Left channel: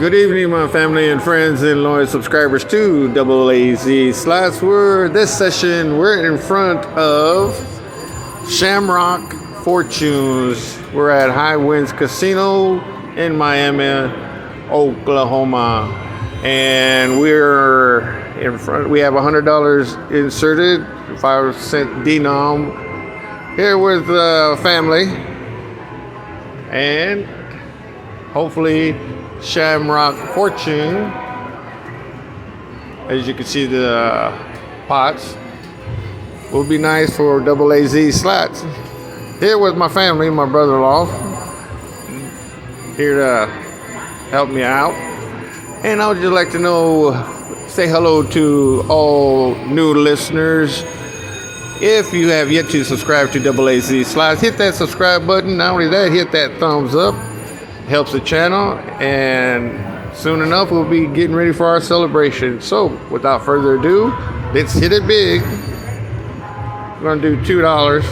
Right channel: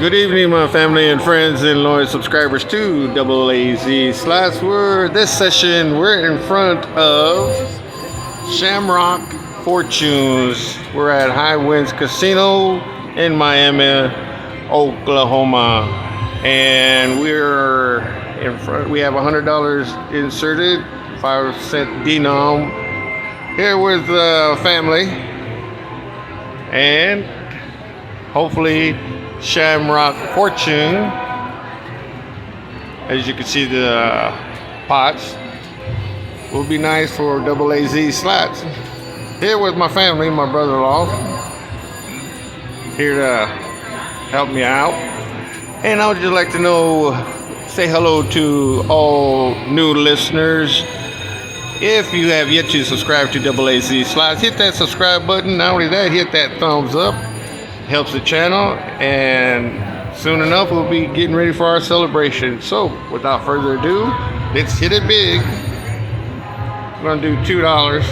Good evening, my family and friends and loyal subscribers to AAZ Slots. This session, we're in front of Shamrock Fortunes. We're at High Winds Casino in Miami, Oklahoma, and we're in front. We have $100 inserted, 5-cent denom. Here with the family, and hopefully Shamrock Fortune. As you can see, the pots will be nice for AAZ Slots. Here with my family, my brother-in-law, here to help me out. And I would just like to say hello to all new listeners. If you have yet to subscribe to AAZ Slots, hit that subscribe button. Not only that, hit that thumbs up. Helps the channel, and soon enough we'll be getting ready for our celebration. So without further ado, let's hit it big. We're gonna do $2.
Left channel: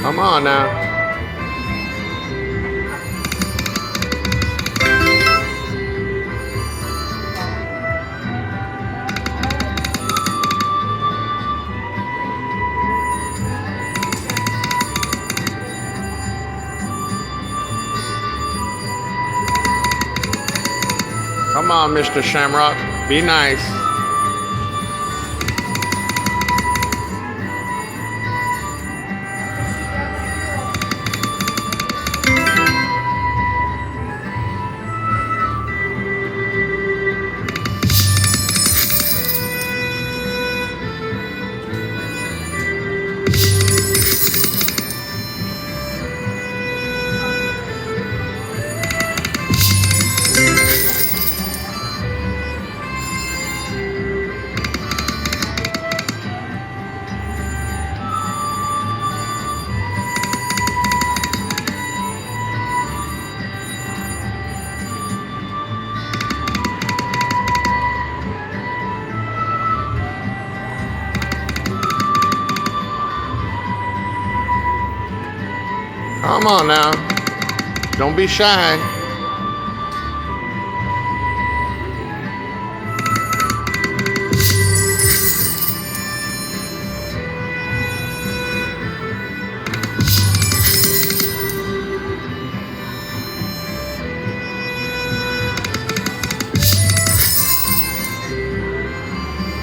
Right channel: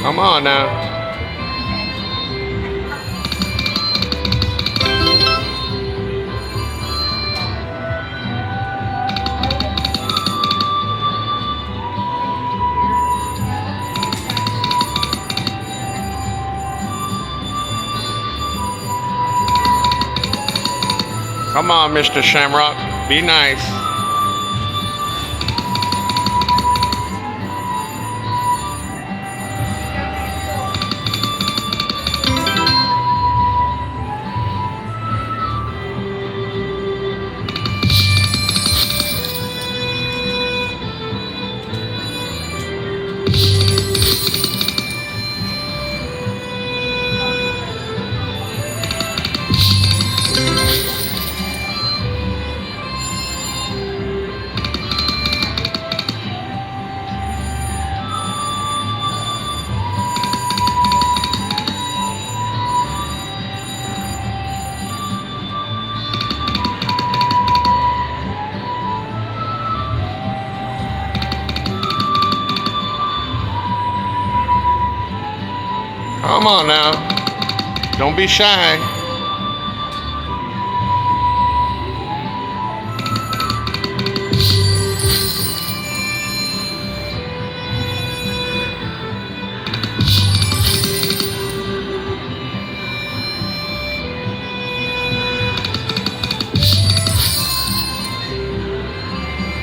Come on now. Come on, Mr. Shamrock, be nice. Come on now, don't be shy.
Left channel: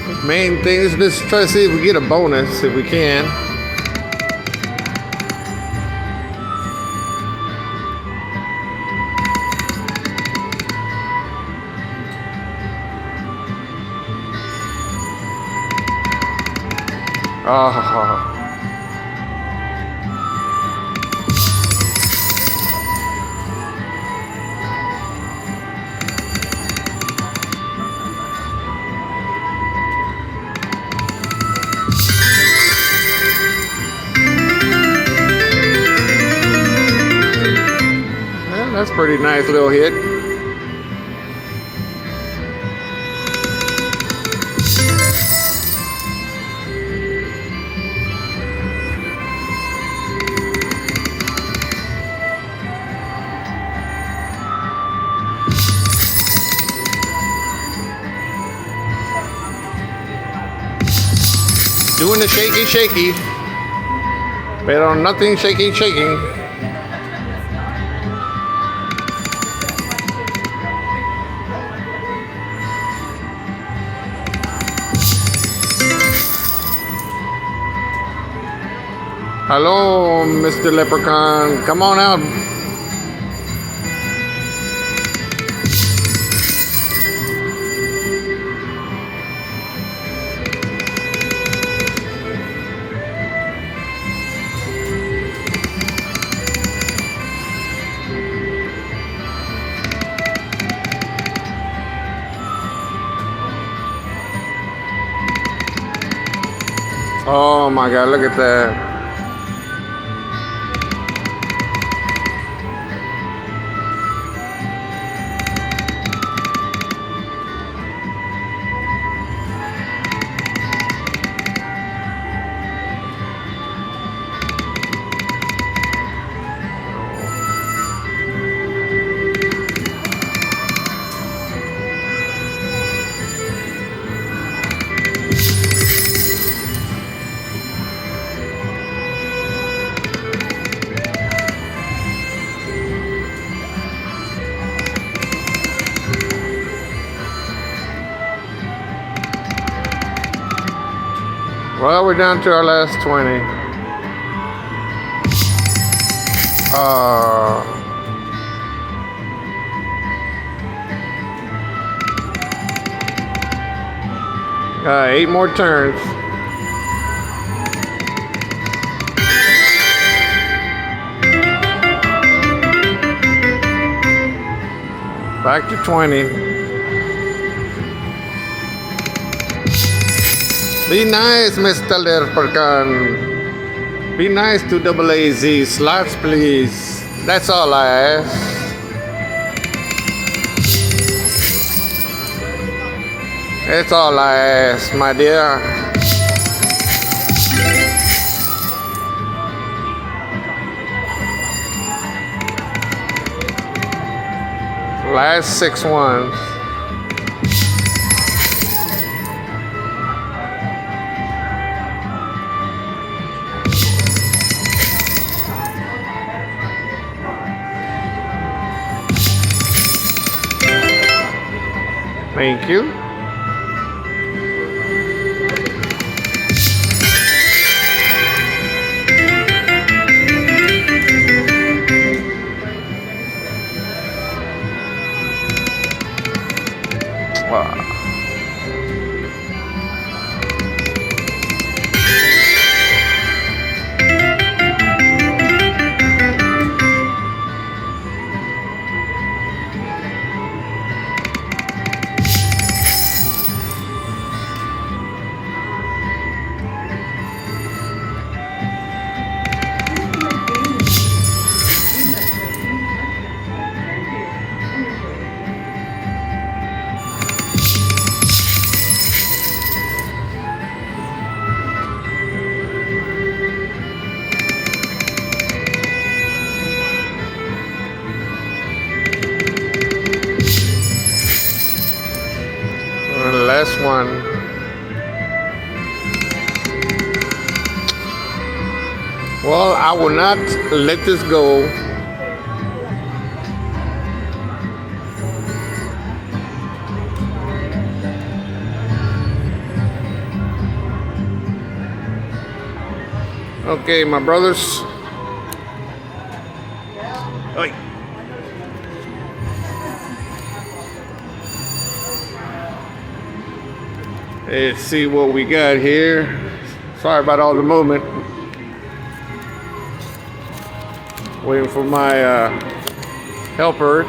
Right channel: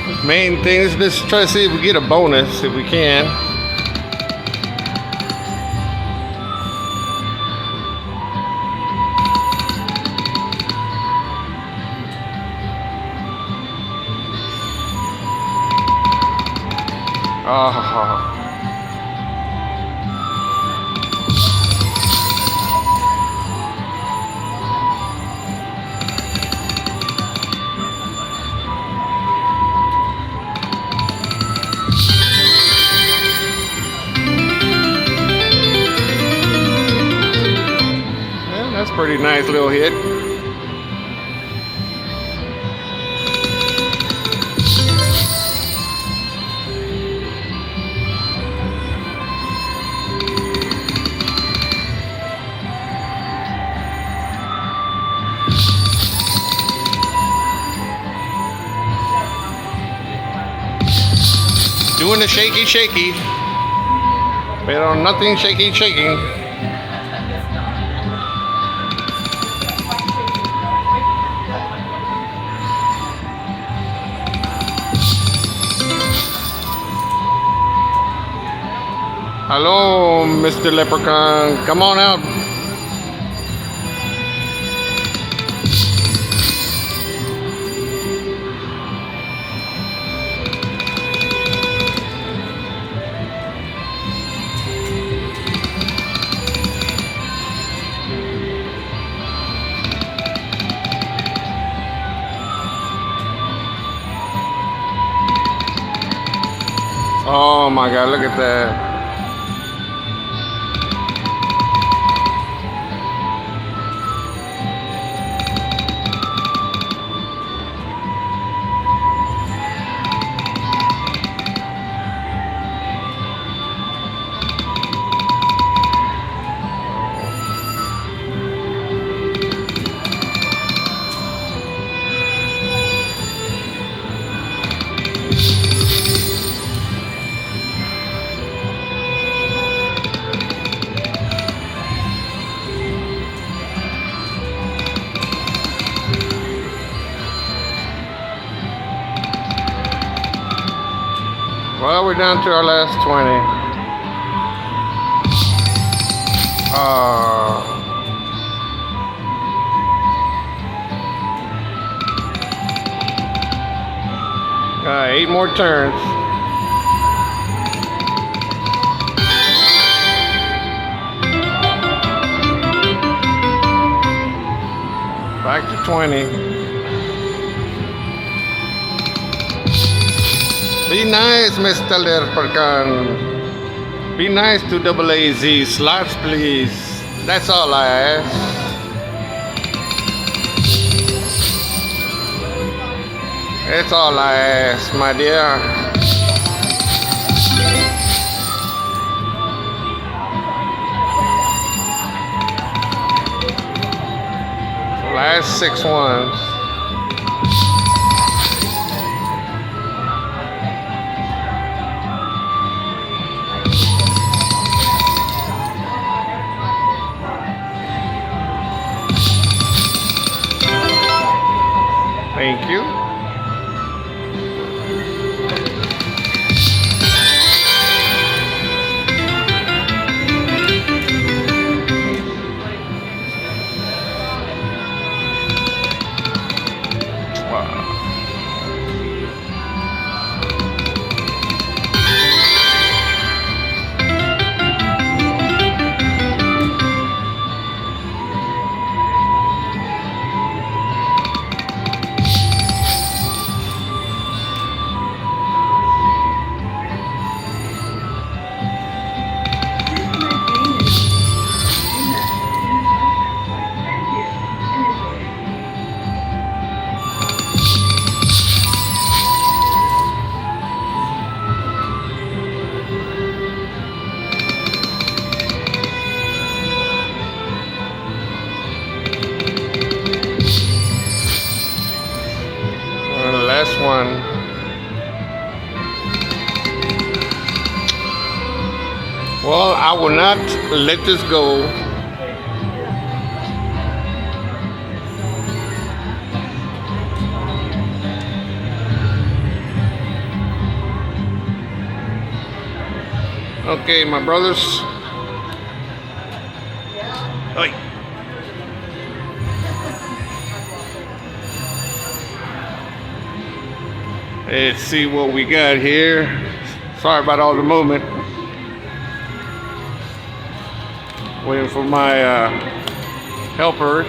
The main thing is just try to see if we get a bonus, if we can. Oh. Well, that's a pretty nice little hit. Doing the shaky, but on nothing shaking. Hello, Mr. Leprechaun, come on out. Oh my God, look at that. Well, we're down to our last 20. Alright, 8 more turns. Back to 20. Be nice, Mr. Leprechaun. Be nice to AAZ Slots, please. That's all I ask. That's all I ask, my dear. Last 6 ones. Thank you. Wow. Last one. Well, I will not let this go. Okay, my brothers. Oi. Let's see what we got here. Sorry about all the movement. Waiting for my helper.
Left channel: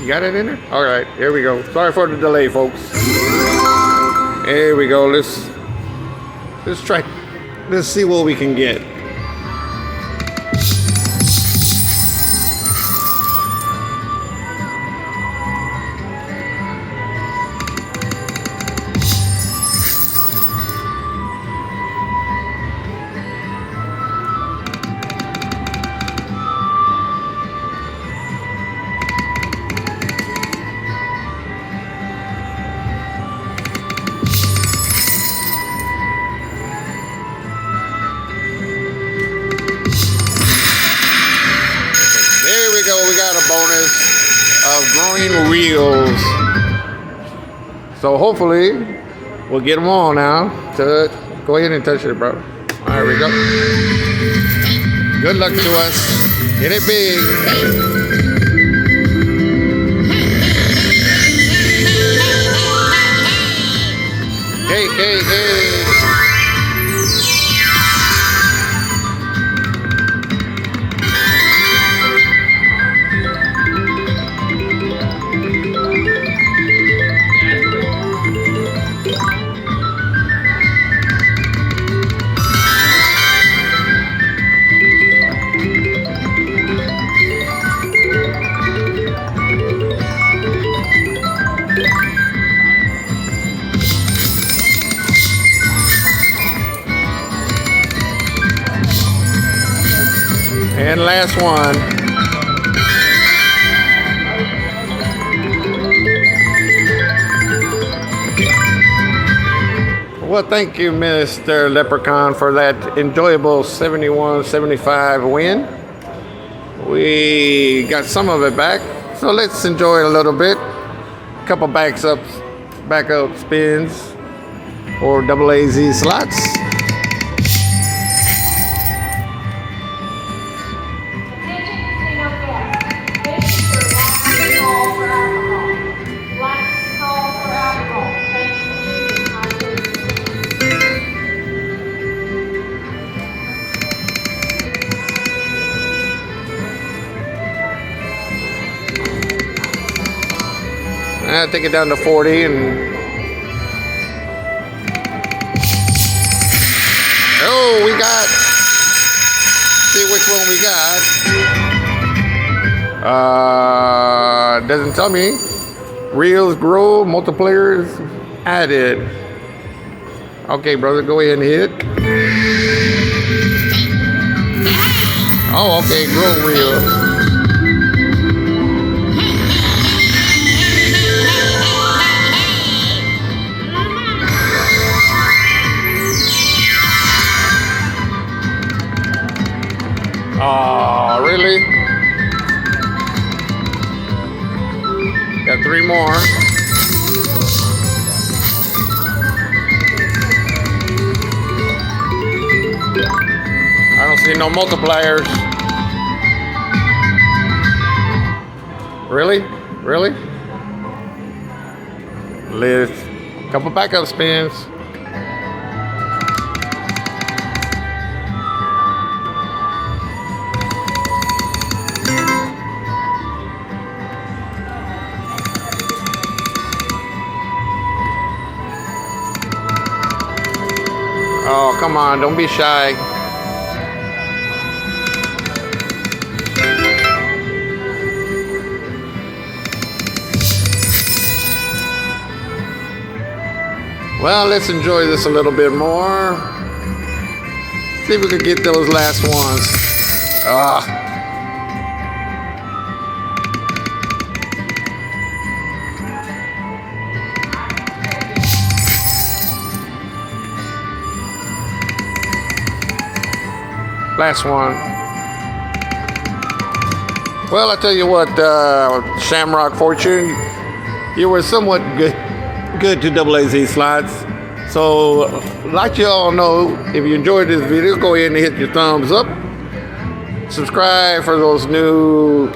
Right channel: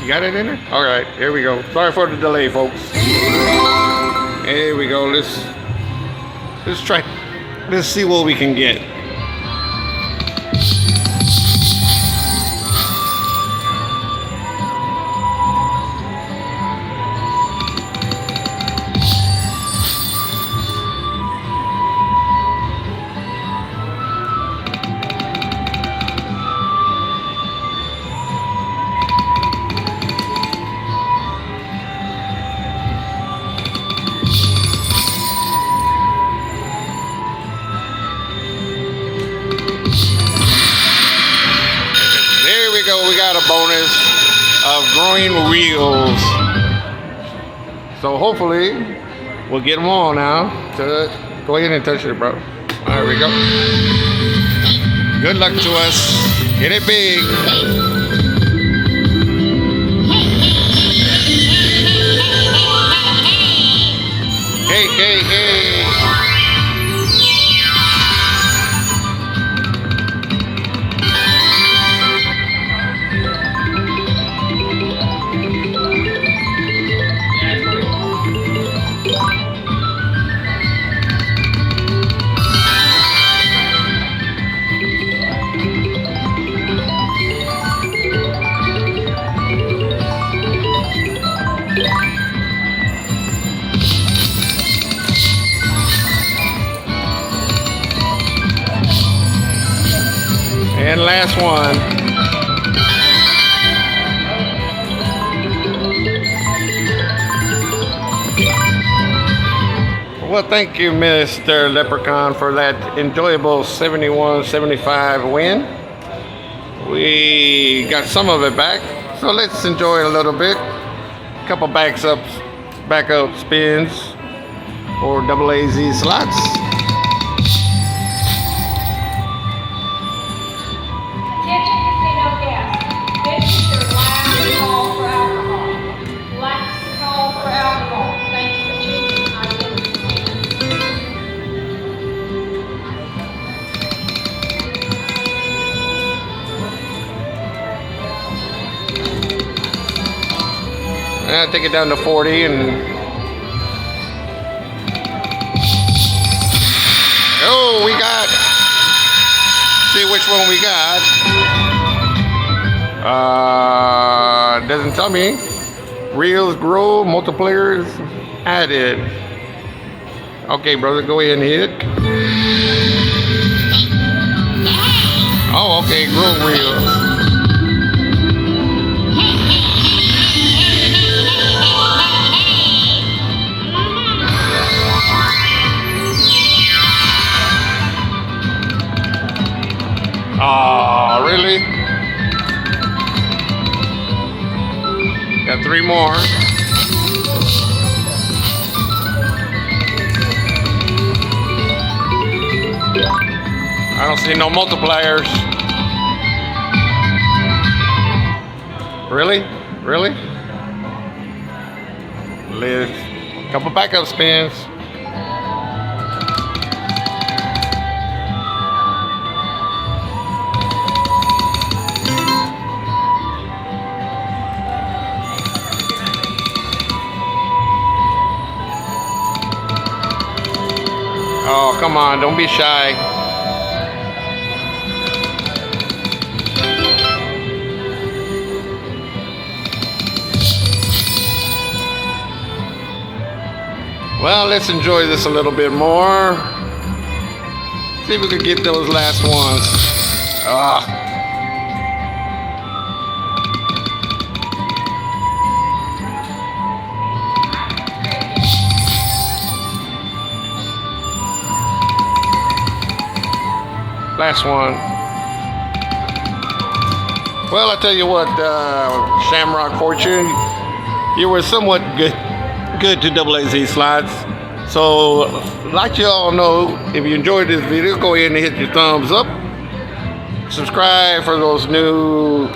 You got it in there? All right, here we go. Sorry for the delay, folks. Here we go. Let's try. Let's see what we can get. There we go. We got a bonus of growing wheels. So hopefully we'll get them all now. Go ahead and touch it, bro. There we go. Good luck to us. Hit it big. Hey, hey, hey. And last one. Well, thank you, Mr. Leprechaun, for that enjoyable 71-75 win. We got some of it back, so let's enjoy it a little bit. couple backup spins for AAZ Slots. I'll take it down to 40 and oh, we got, see which one we got. Doesn't tell me. Reels grow, multiplayers added. Okay, brother, go ahead and hit. Oh, okay, grow reels. Oh, really? Got 3 more. I don't see no multipliers. Really? Really? Let's couple backup spins. Oh, come on, don't be shy. Well, let's enjoy this a little bit more. See if we can get those last ones. Ah. Last one. Well, I tell you what, Shamrock Fortune, you were somewhat good to AAZ Slots. So, like you all know, if you enjoyed this video, go ahead and hit your thumbs up. Subscribe for those new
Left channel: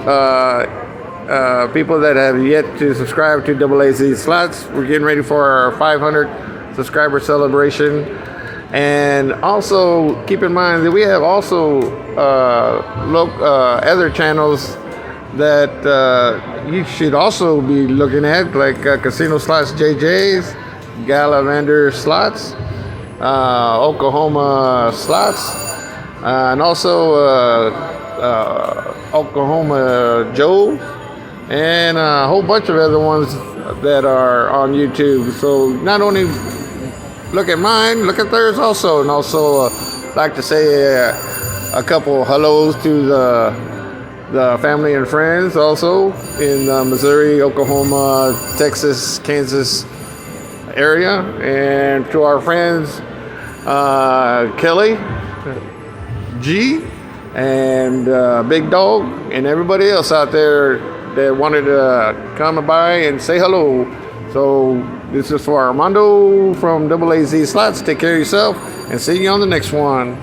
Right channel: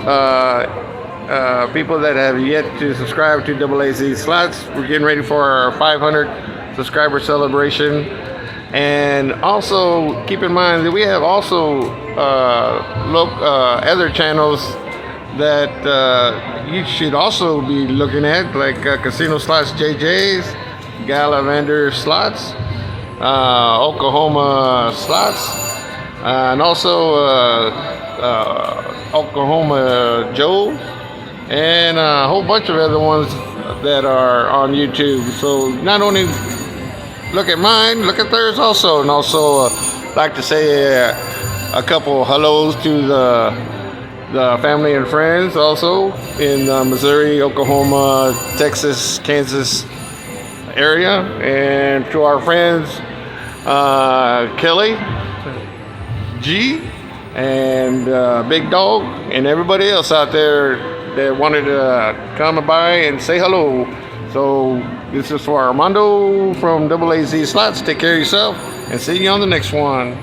people that have yet to subscribe to AAZ Slots. We're getting ready for our 500 subscriber celebration. And also keep in mind that we have also other channels that you should also be looking at, like Casino Slots JJ's, Gallivander Slots, Oklahoma Slots, and also Oklahoma Joe, and a whole bunch of other ones that are on YouTube. So not only look at mine, look at theirs also. And also like to say a couple hellos to the family and friends also in Missouri, Oklahoma, Texas, Kansas area. And to our friends Kelly G and Big Dog and everybody else out there that wanted to come by and say hello. So this is for Armando from AAZ Slots. Take care of yourself and see you on the next one.